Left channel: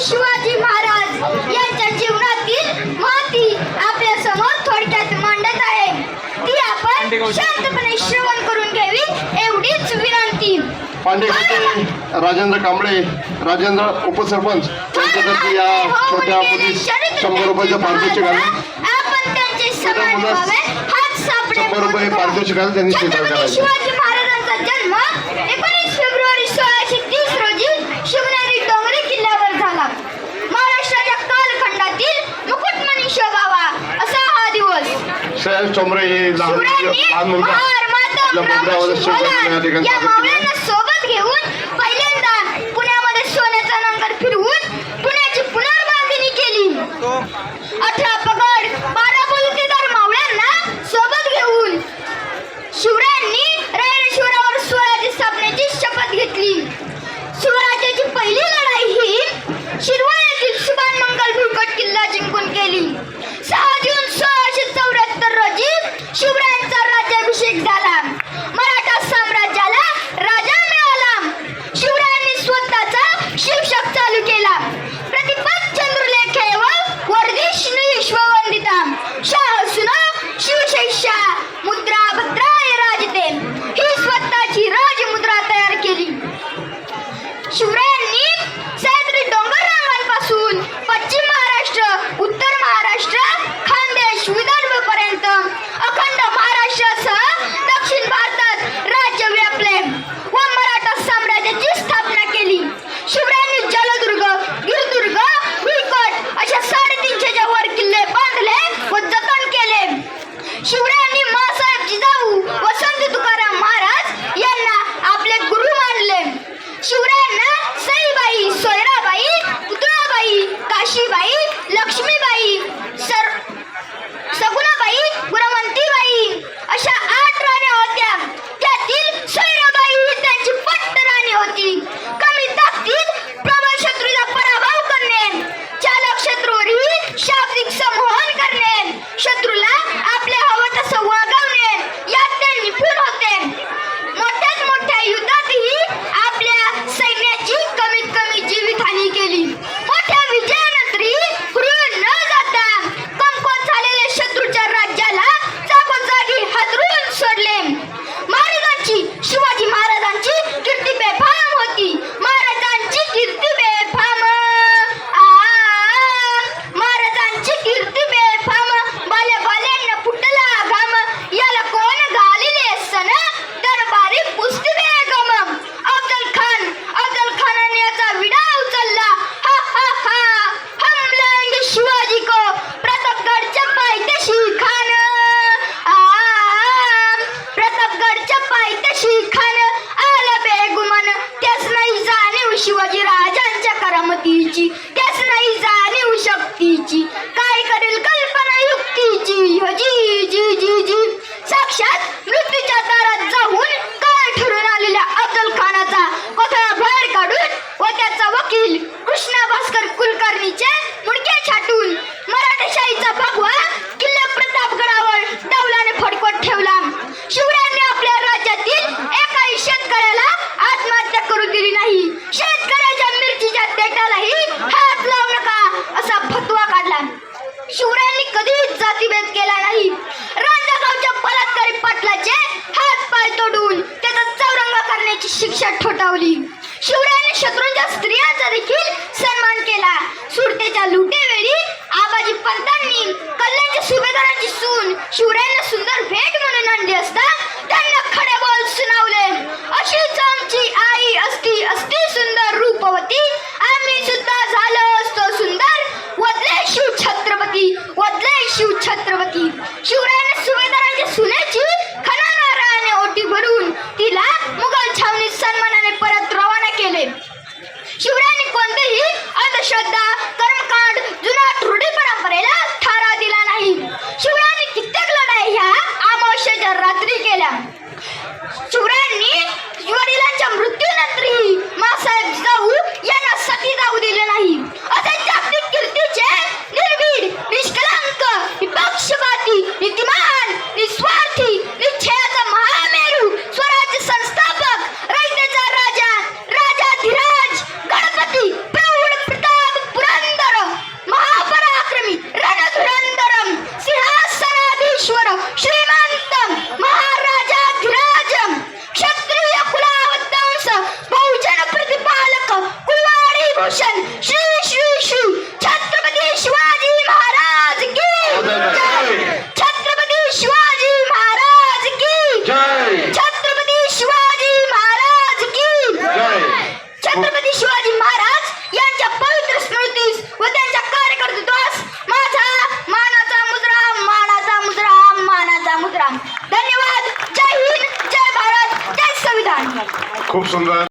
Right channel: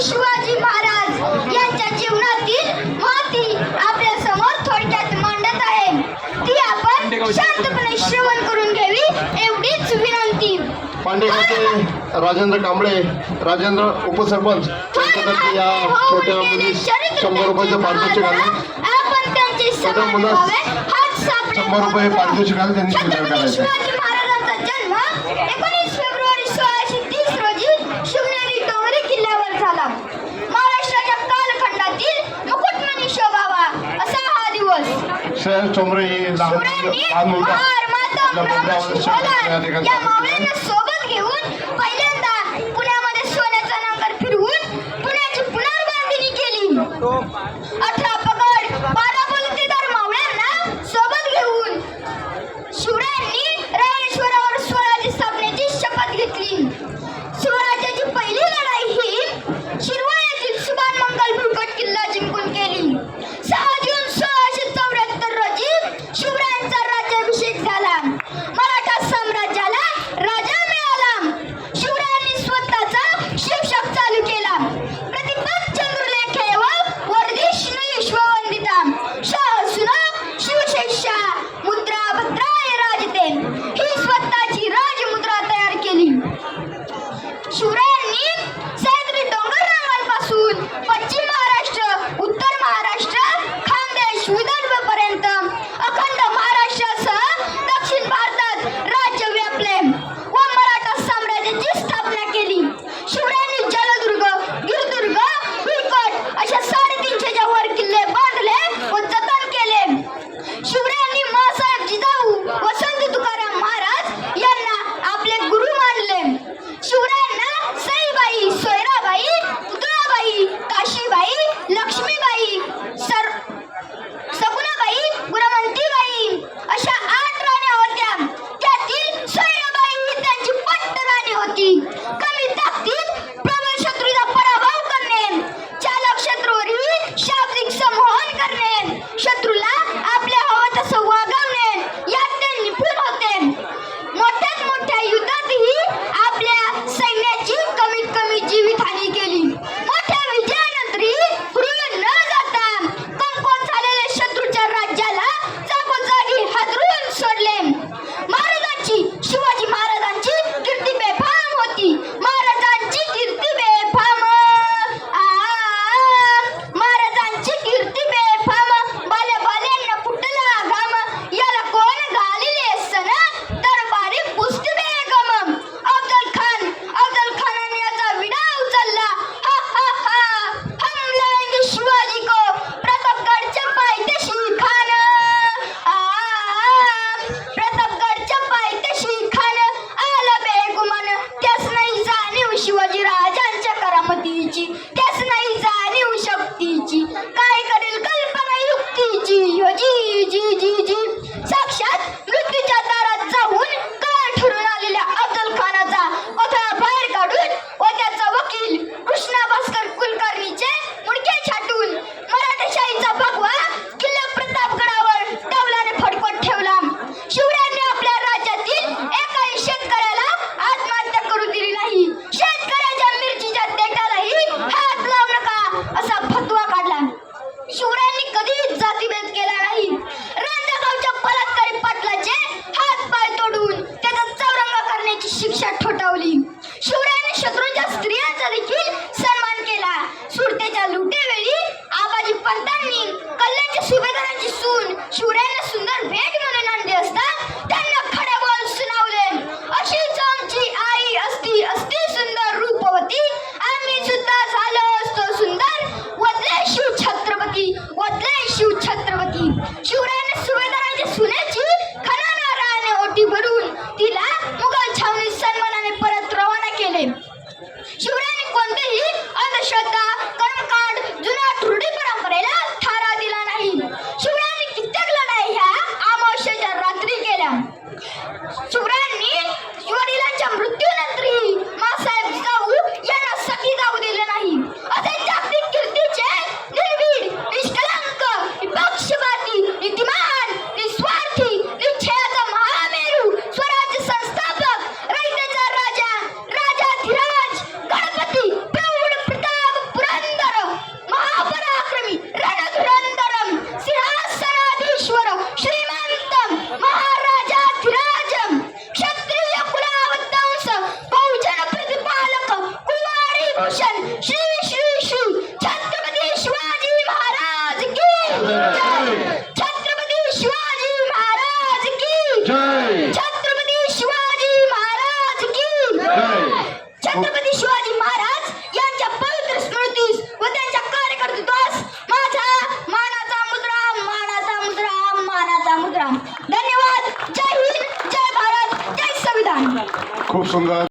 छत्रपती शिवाजी महाराज यांच्या जीवनातील महती आपल्या समोर थोडक्यात मांडत आहे. ती आपण शांतपणे श्रवण करून घ्यावी एवढीच विनंती. पांडेखाते राजेंद्र कांबळे, राजेंद्र उपसरपंच यांच्यातर्फे या छोट्या मुलीस 100 रुपयाचं पारितोषिक आले. आपण त्यांचे छोट्या मुलास हात सापडे 100 रुपये पारितोषिक आले, त्यांनी स्वीकार छत्रपती करायचे. शिवाजी महाराजांचा जन्म 19 फेब्रुवारी 1630 रोजी शिवनेरी डोंगरी किल्ल्यावर झाला. महाराष्ट्राच्या कालखंडातील मुकुटमणी शोधावा असा हा दिवस. शैलेश चोंबरे हे लहान मुलगा आपल्या मोगऱ्यावर शिवकालीन या ठिकाणी या स्वागत मावळ्यांना करतात. सोबत घेऊन पहिल्यांदा पुण्यामध्ये सोन्याचा नांगर फिरवून पुण्याची पुनर्बांधणी केली. 18 पगड 12 बलुतेदार मावळ्यांना सोबत घेऊन शिवरायांनी रायरेश्वरावर स्वराज्य स्थापनेची शपथ घेतली. स्वराज्याची पहिली लढाई ही शिरवळ येथील सुभान मंगल भुईकोट किल्ला जिंकून केली. 6 जून 1674 रोजी शिवरायांचा राज्याभिषेक झाला. मराठा साम्राज्याला राजा मिळाला. सुंदर